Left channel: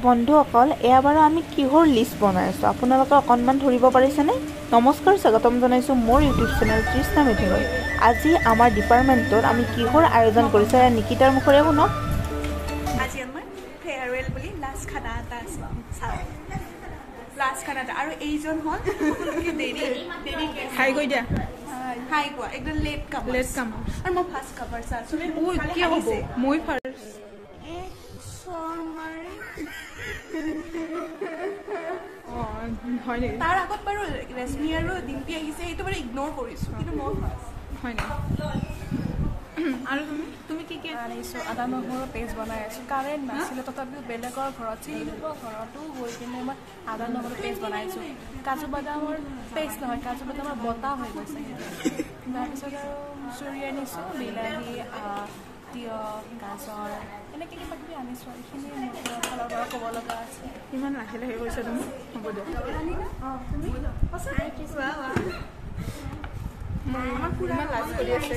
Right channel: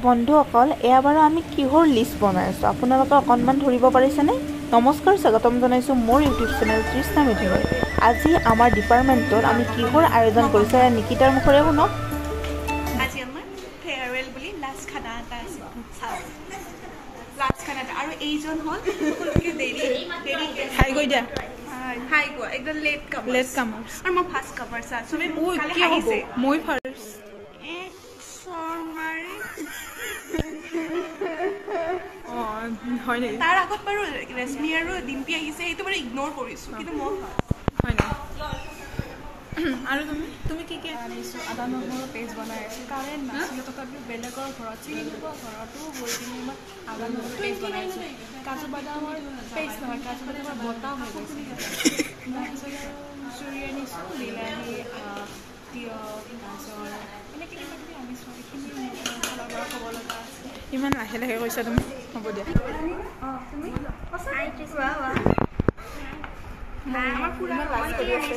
বন্ধুসকল এয়া বাৰু আমি কিহৰ লিষ্ট বনাই আছোঁ আপোনালোকে অকণমান ধৰিব পাৰিছেনে? নমস্কাৰ, স্বাগতম জনাইছোঁ মোৰ ইউটিউব চেনেল তৃষ্ণা মেধিলৈ। আজি আমাৰ ডিপাৰ্টমেণ্টত আমি কিহৰ আয়োজন কৰিছোঁ এয়া নিকিতাৰ মুখৰে শুনক। আজি আমাৰ ফেয়াৰৱেল বুলি লাষ্ট খানা এটা আছে, চাওক লাষ্ট খানা এটা। আৰু এইজন হ'ল হাই কৈ দিয়া। হাই কোৱা, একদম লেট কামাৰ। আৰু মই ফাৰ্ষ্ট কামাৰ চা চবে কি হ'ব? মই ফাৰ্ষ্ট। হয় নেকি? তাৰ আগত বাৰু ৰেশমি আৰু ডিম্পি আহিছে, সেইটো বাৰু ইগনোৰ কৰিছোঁ, কিন্তু মই হয় নেকি? আৰু তুমি কি আনিছোঁ? আদা নহৰু পেষ্ট বনাই আছোঁ। কাৰেণ্ট নাছিলে তথাপিও বেলেগৰ ঘৰত চিলিঙৰ ঘৰতো গৈ কিনে মই আদা নহৰু পেষ্ট বনাইছোঁ। কাজু বাদামৰ পেষ্ট নহয়, কাজু বাদামৰ বটাহ হৈ গৈছে। তাৰপিছত আৰু চুৰি আনিছোঁ, বিলাহী, তিয়হ, গাজৰ এনেকৈ কিবা কিবি আনিছোঁ। এইখিনি ফালৰ পৰা ক'ব লগা আছে। ইমান লাহে লাহে কৈছা তুমি? হ'ব দিয়া। ইমান লাজ কৰি আছে।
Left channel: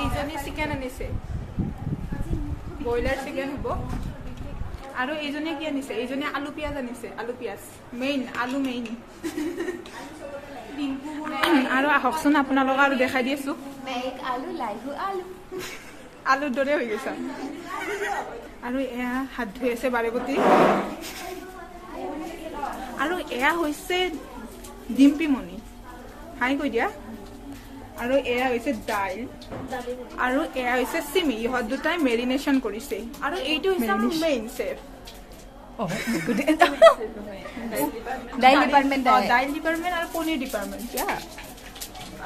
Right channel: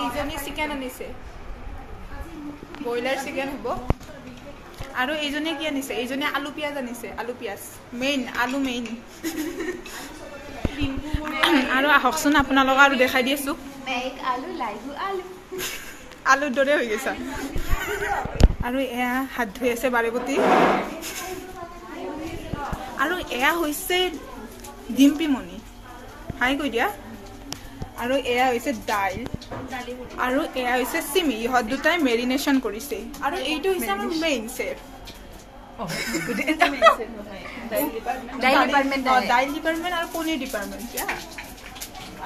এইজনী চিকেন আনিছে, ব্ৰইলাৰ চিকেন হ'ব। আৰু এইজনীয়ে কি আনিছে? এইজনীয়ে আলু পিঁয়াজ আনিছে, আলু পিঁয়াজ মেইন, আলু মেইন। আৰু আহকচোন আপোনালোকক আৰু দেখাই দি আছোঁ। আলুৰ দৰে হৈ গৈছা। আৰু এয়া হাত ধুই আছে বাৰেপতি। আৰু এয়া হৈছে ডিম্পিমণি, হাই কৈ দিয়া। আৰু এয়া হৈছে দাইল, আৰু এয়া হৈছে চিমি। ইহঁত দুটাই মেৰিনেশ্যন কৰিছে। আৰু এইটো হৈছে আমাৰ মেইন চেফ, দাইল ডিপাৰ্টমেণ্ট আৰু পনীৰ ডিপাৰ্টমেণ্ট।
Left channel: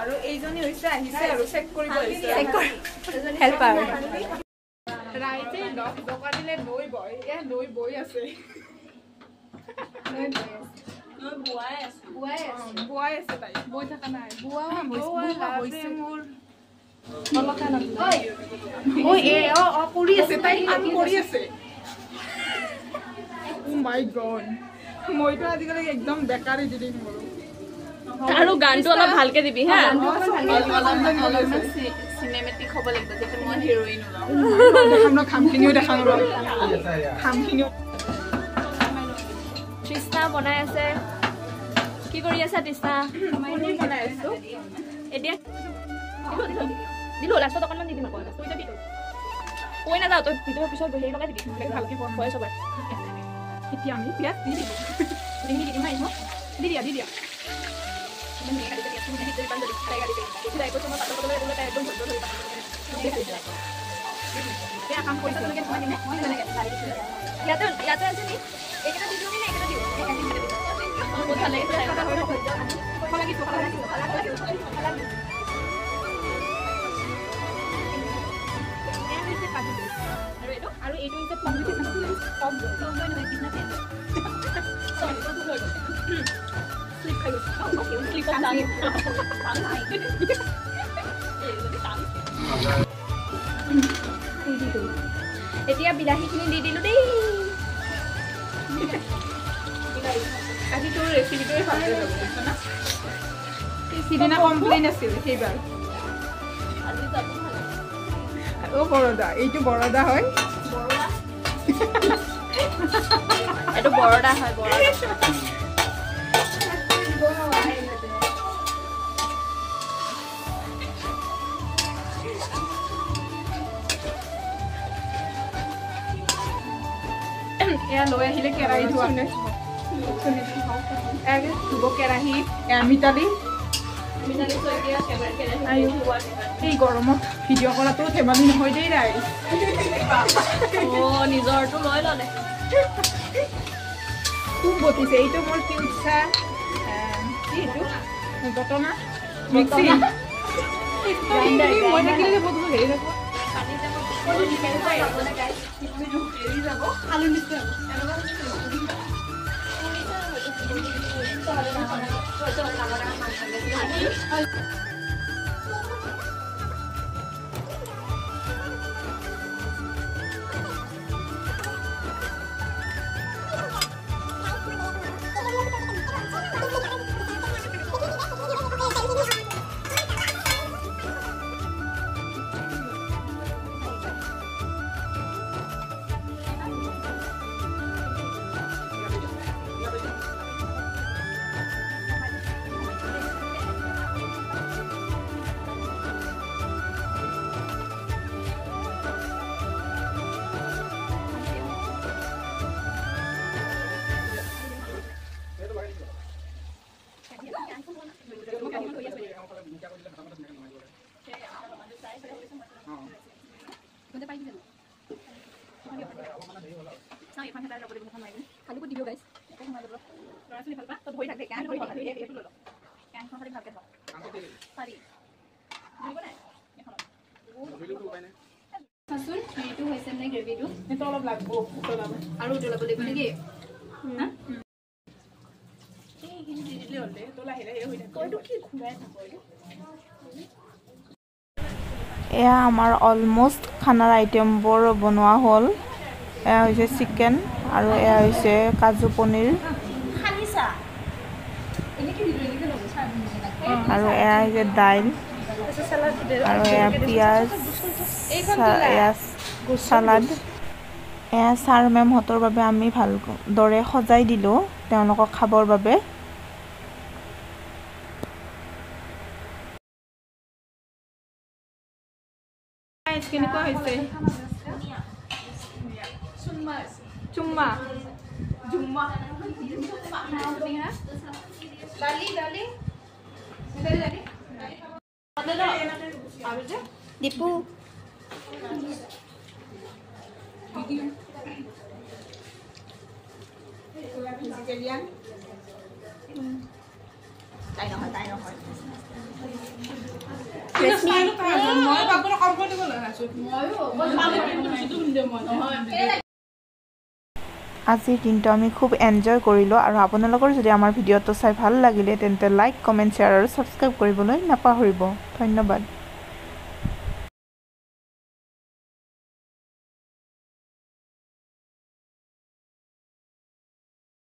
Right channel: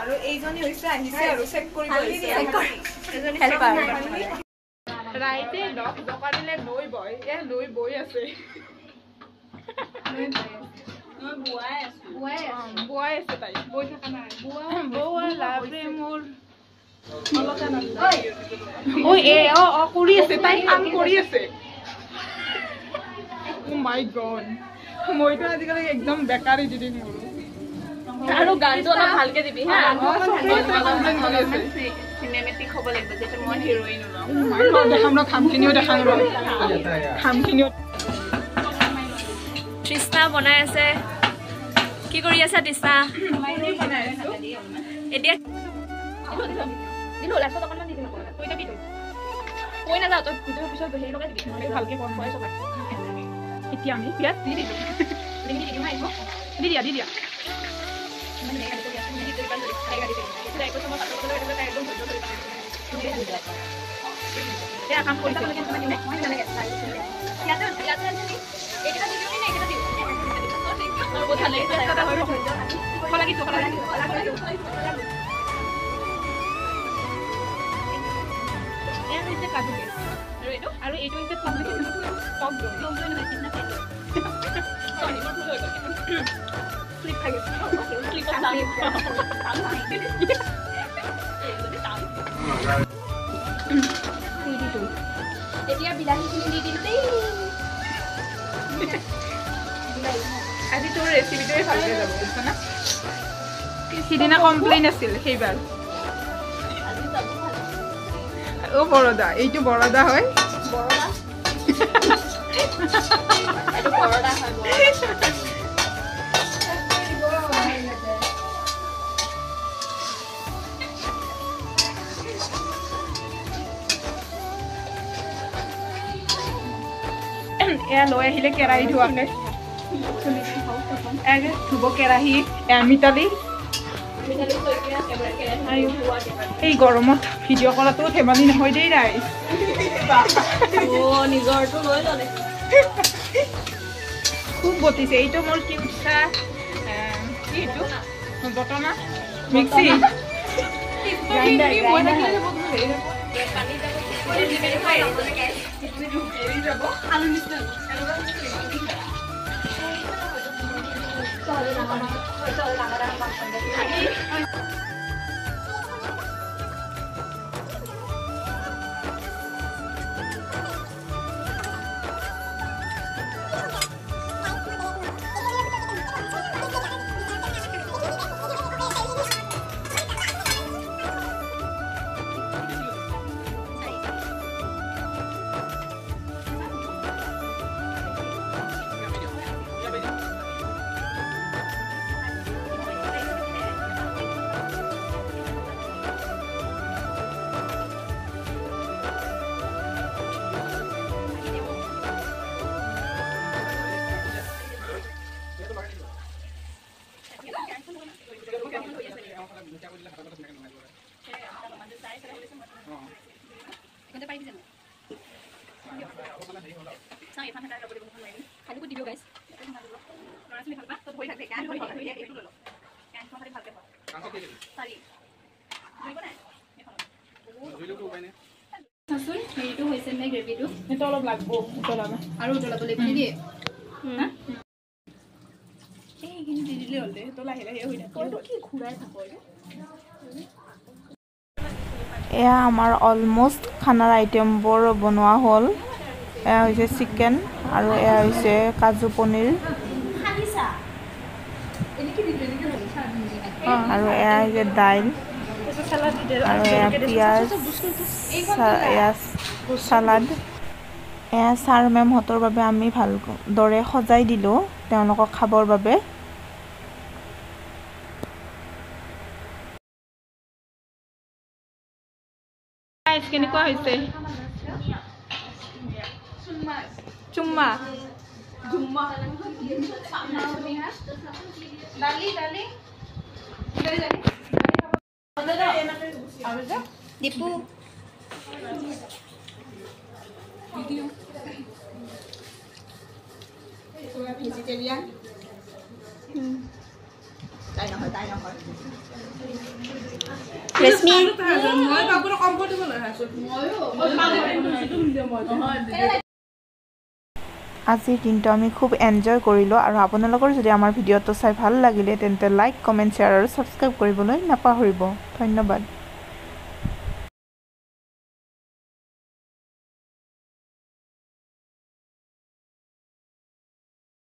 আৰু এইজনী হৈছে আহিছে আৰু চেক কৰিব আহিছে। ৰাইজে 10 টকা দিলে নৈ বয়, নৈ বৈ আছে। বোৱাই আছে তাই, বৈ থকা নাই। কৰি আছে তাই, কাম কৰি আছে। মাই গড, মইতো আজিকালি একদম বেকাৰ এডিটিং কৰোঁ। আৰু গানটো অলপ ভালকে দিবি হা। চিনেমেটিক হ'ব লাগিব, যাতে মই হিৰ'ইন দেখাম ৰ, খামখিনিও দেখাম ৰ, খামখিনিও। তৃষ্ণা বনাই আছে। কি কৰি আছা তৃষ্ণা? এতিয়া লাষ্টত অকণমান দিবি নকয়, কৈ নাযাওঁ তই ভিতৰৰ পিছত হেৰি লগাই দিবি, ভালকে খুৱাই চবাই। এতিয়া আমি পিঁয়াজ দি দিলোঁ, দি দিয়া দি দিয়া। কাম কৰিছে আৰু এইটো হৈছে এতিয়া বিলাহীখিনি দি দিলোঁ দেই। আজি তোৰ ৰেচিপিটোৱে ভালকৈ যাব বুজিছ না? সিদিনা কমপ্লেইন আছিল সেইবাৰ। বৰদা, এইটো বৰদা হয়। এইটো বৰদা হয়। এয়া লৈ আহিলে কেৰাহী ধোৱাকে, ধুব কেৰাহী। এয়া মিতালী, এই গৰমত ভিডিঅ' কৰাটো ধেমালি নহয় দেই ৰাইজ। নিজৰটো লৈ ল'লে, খুব বটিছে। এইটো মোৰ কিউচা কি এইটো বটনা মিক্সি আলু নিশ্চয় চাচোন হেৰিটো হৈছে নে গ্ৰেভিটো সেইটো অলপ লাগব উতলাব আৰু উতলাব লাগিব নেকি এইখিনি দি দিলে হ'ল দে তো লাহে লাহে হৈ থাকে তইতো কি ঘূৰাই থাক এয়া আমাৰ অলমোষ্ট খানাৰ আইটেমবোৰ বনোৱা হ'ল এয়া হৈছে চিকেন আৰু এয়া হৈছে কাজু পনীৰ আৰু এয়া হৈছে দাইল আৰু এয়া পিঁয়াজ এয়া চালাড এয়া ছাৰ মেমহঁতৰ বাবে আমি ভালদৰে সজাই দিলোঁ তেওঁলোকক খাবৰ বাবে কেনেকুৱা হৈছে চুম্মা দীপু ভেজিটেৰিয়ান তাই নহয় ৰেশমি মই বাবুৰ কম্বল দিব লগাইছো আজিৰ দিনটো আমি খুব এনজয় কৰিলোঁ আৰু আপোনালোকৰ যদি আমাৰ ভিডিঅ'টো চাই ভাল লাগিলে তেন্তে লাইক কমেণ্ট শ্বেয়াৰ আৰু ছাবস্ক্ৰাইব কৰিবলৈ নাপাহৰিব ধন্যবাদ